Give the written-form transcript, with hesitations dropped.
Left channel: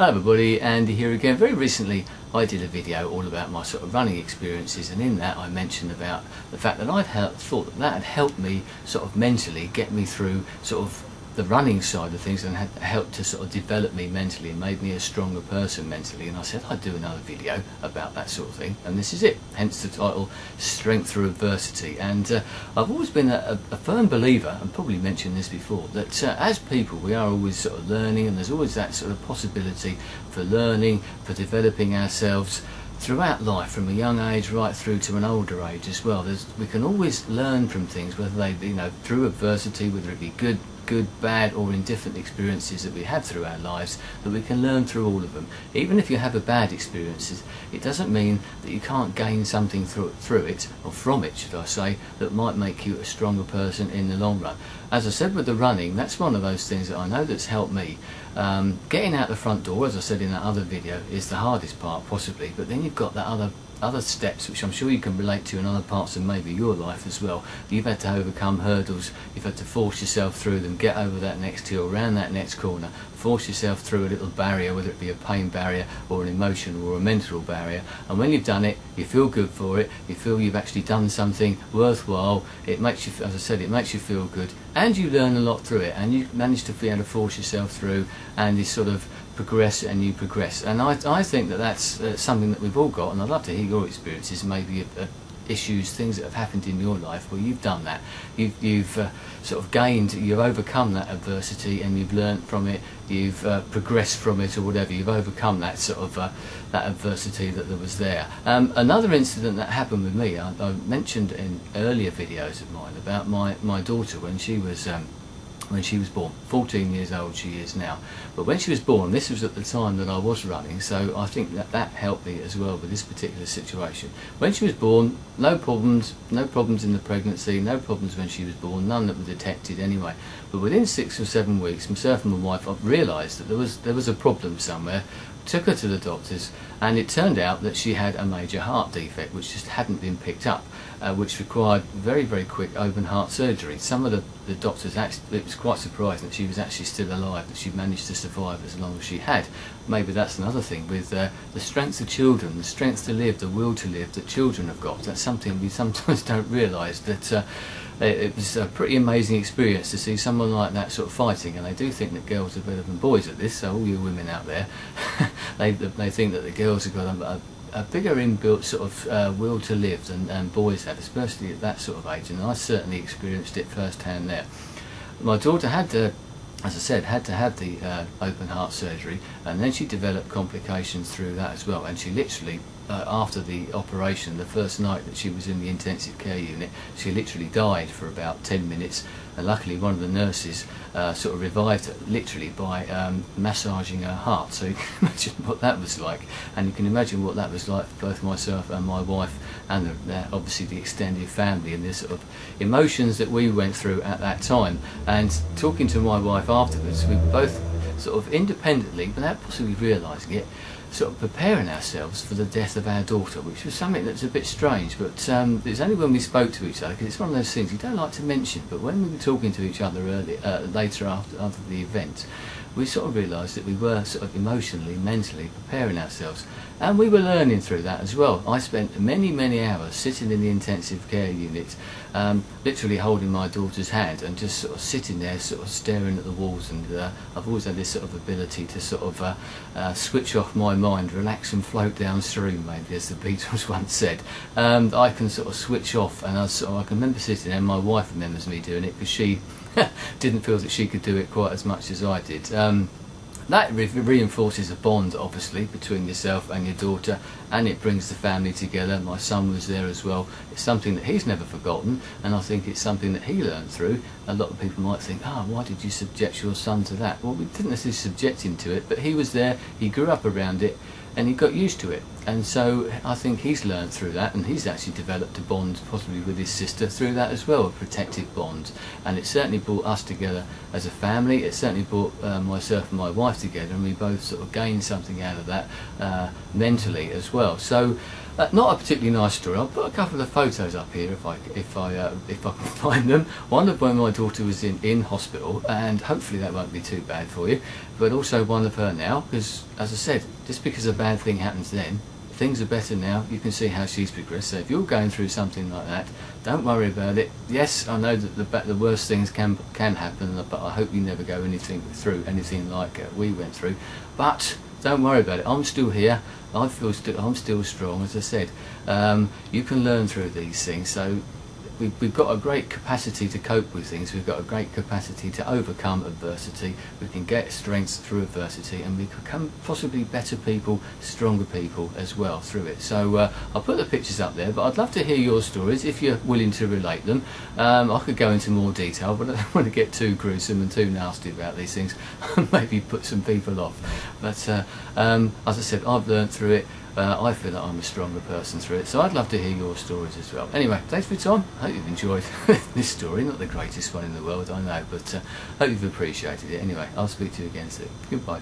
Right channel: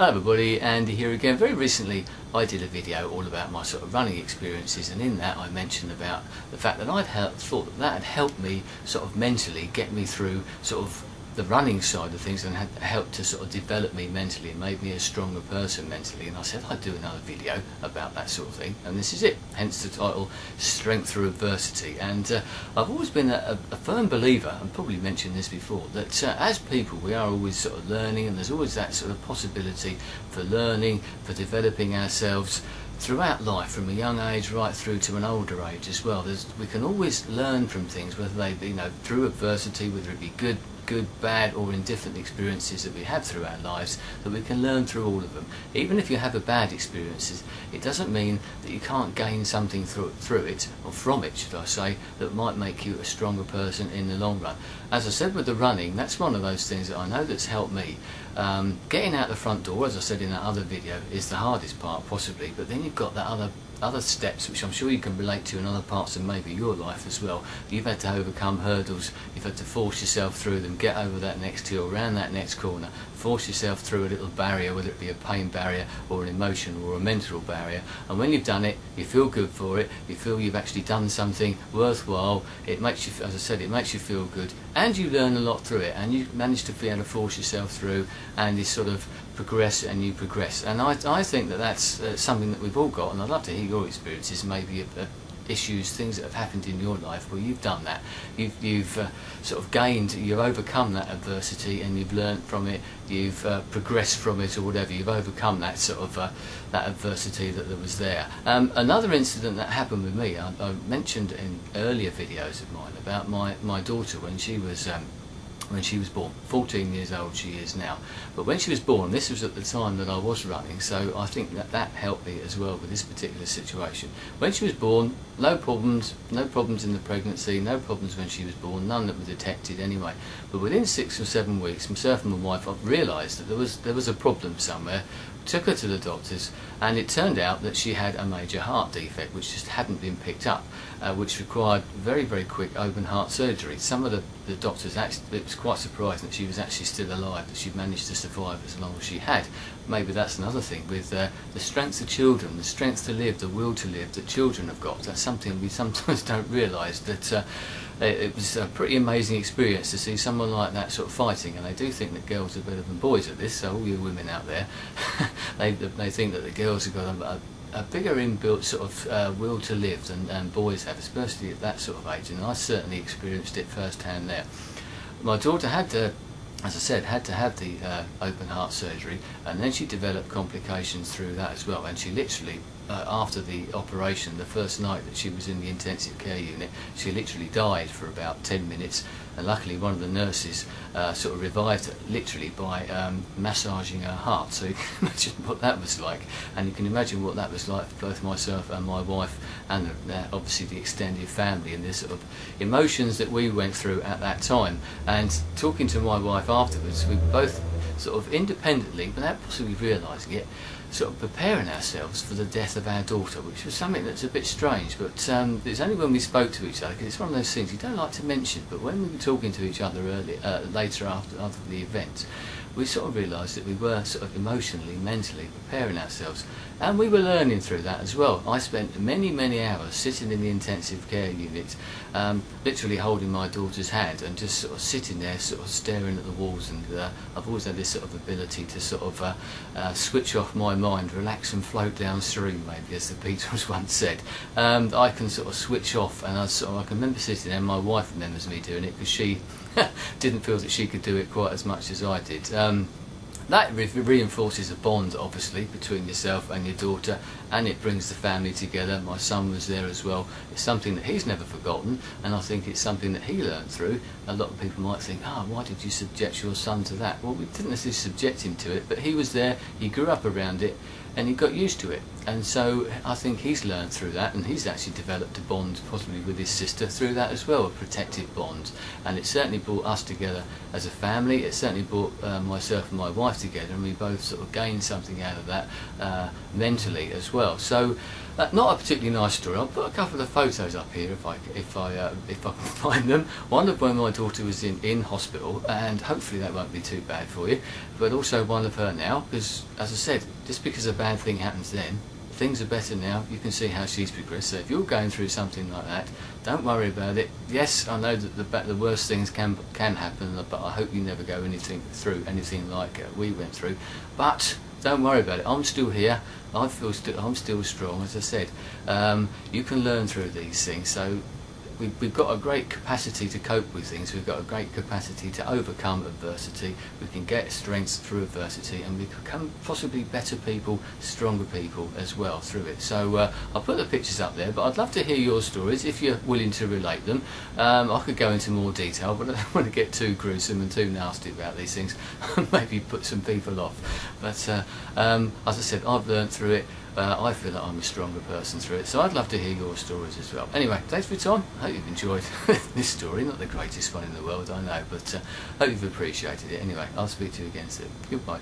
Hi everybody, Andy here again. Very recently I did a video all about my sort of running experiences, and in that I mentioned about the fact that thought that had helped me sort of mentally get me through sort of the running side of things, and had helped to sort of develop me mentally and made me a stronger person mentally. And I said I'd do another video about that sort of thing, and this is it, hence the title, Strength Through Adversity. And I've always been a firm believer, and probably mentioned this before, that as people we are always sort of learning, and there's always that sort of possibility for learning, for developing ourselves throughout life, from a young age right through to an older age as well. We can always learn from things, whether they be, through adversity, whether it be good, bad or indifferent experiences that we have through our lives, that we can learn through all of them. Even if you have a bad experiences, it doesn't mean that you can't gain something through it, or from it should I say, that might make you a stronger person in the long run. As I said with the running, that's one of those things that I know that's helped me. Getting out the front door, as I said in that other video, is the hardest part possibly, but then you've got that other steps which I'm sure you can relate to in other parts of maybe your life as well. You've had to overcome hurdles, you've had to force yourself through them, get over that next hill, around that next corner, force yourself through a little barrier, whether it be a pain barrier or an emotional or a mental barrier, and when you've done it you feel good for it, you feel you've actually done something worthwhile. It makes you, as I said, it makes you feel good, and you learn a lot through it, and you manage to be able to force yourself through, and you sort of progress, and you progress. And I think that that's something that we've all got, and I'd love to hear your experiences, maybe issues, things that have happened in your life where you've done that, you've sort of gained, you've overcome that adversity, and you've learnt from it, you've progressed from it, or whatever, you've overcome that sort of that adversity that was there. Another incident that happened with me, I mentioned in earlier videos of mine about my daughter when she was born. 14 years old she is now, but when she was born, this was at the time that I was running, so I think that helped me as well with this particular situation. When she was born, no problems in the pregnancy, no problems when she was born, none that were detected anyway. But within 6 or 7 weeks, myself and my wife realised that there was a problem somewhere. Took her to the doctors, and it turned out that she had a major heart defect which just hadn't been picked up, which required very, very quick open heart surgery. Some of the doctors, actually, it was quite surprising that she was actually still alive, that she managed to survive as long as she had. Maybe that's another thing with the strength of children, the strength to live, the will to live that children have got. That's something we sometimes don't realise, that it was a pretty amazing experience to see someone like that sort of fighting, and they do think that girls are better than boys at this, so all you women out there, they think that the girls have got a bigger inbuilt sort of will to live than boys have, especially at that sort of age, and I certainly experienced it firsthand there. My daughter had to, as I said, had to have the open heart surgery, and then she developed complications through that as well, and she literally, after the operation, the first night that she was in the intensive care unit, she literally died for about 10 minutes, and luckily one of the nurses sort of revived her literally by massaging her heart. So you can imagine what that was like, and you can imagine what that was like for both myself and my wife, and obviously the extended family, and the sort of emotions that we went through at that time. And talking to my wife afterwards, we were both sort of independently, without possibly realising it, sort of preparing ourselves for the death of our daughter, which was something that's a bit strange, but it's only when we spoke to each other, because it's one of those things you don't like to mention, but when we were talking to each other later after the event, we sort of realised that we were sort of emotionally, mentally preparing ourselves, and we were learning through that as well. I spent many hours sitting in the intensive care unit, literally holding my daughter's hand and just sort of sitting there sort of staring at the walls, and I've always had this sort of ability to sort of switch off my mind, relax and float downstream, maybe, as the Beatles once said. I can sort of switch off, and I can remember sitting there, and my wife remembers me doing it, because she didn't feel that she could do it quite as much as I did. That reinforces a bond, obviously, between yourself and your daughter, and it brings the family together. My son was there as well. It's something that he's never forgotten, and I think it's something that he learned through. A lot of people might think, why did you subject your son to that? Well, we didn't necessarily subject him to it, but he was there, he grew up around it, and he got used to it. And so I think he's learned through that, and he's actually developed a bond possibly with his sister through that as well, a protective bond. And it certainly brought us together as a family. It certainly brought myself and my wife together, and we both sort of gained something out of that mentally as well. So Not a particularly nice story. I'll put a couple of photos up here if I can find them. One of when my daughter was in hospital, and hopefully that won't be too bad for you. But also one of her now, because as I said, just because a bad thing happens then, things are better now. You can see how she's progressed. So if you're going through something like that, don't worry about it. Yes, I know that the worst things can happen, but I hope you never go through anything like we went through. But don't worry about it. I'm still here. I'm still strong. As I said, you can learn through these things. So we've got a great capacity to cope with things. We've got a great capacity to overcome adversity. We can get strength through adversity, and we become possibly better people, stronger people as well through it. So I'll put the pictures up there, but I'd love to hear your stories if you're willing to relate them. I could go into more detail, but I don't want to get too gruesome and too nasty about these things and maybe put some people off. But as I said, I've learned through it. I feel that I'm a stronger person through it, so I'd love to hear your stories as well. Anyway, thanks for your time. I hope you've enjoyed this story. Not the greatest one in the world, I know, but I hope you've appreciated it. Anyway, I'll speak to you again soon. Goodbye.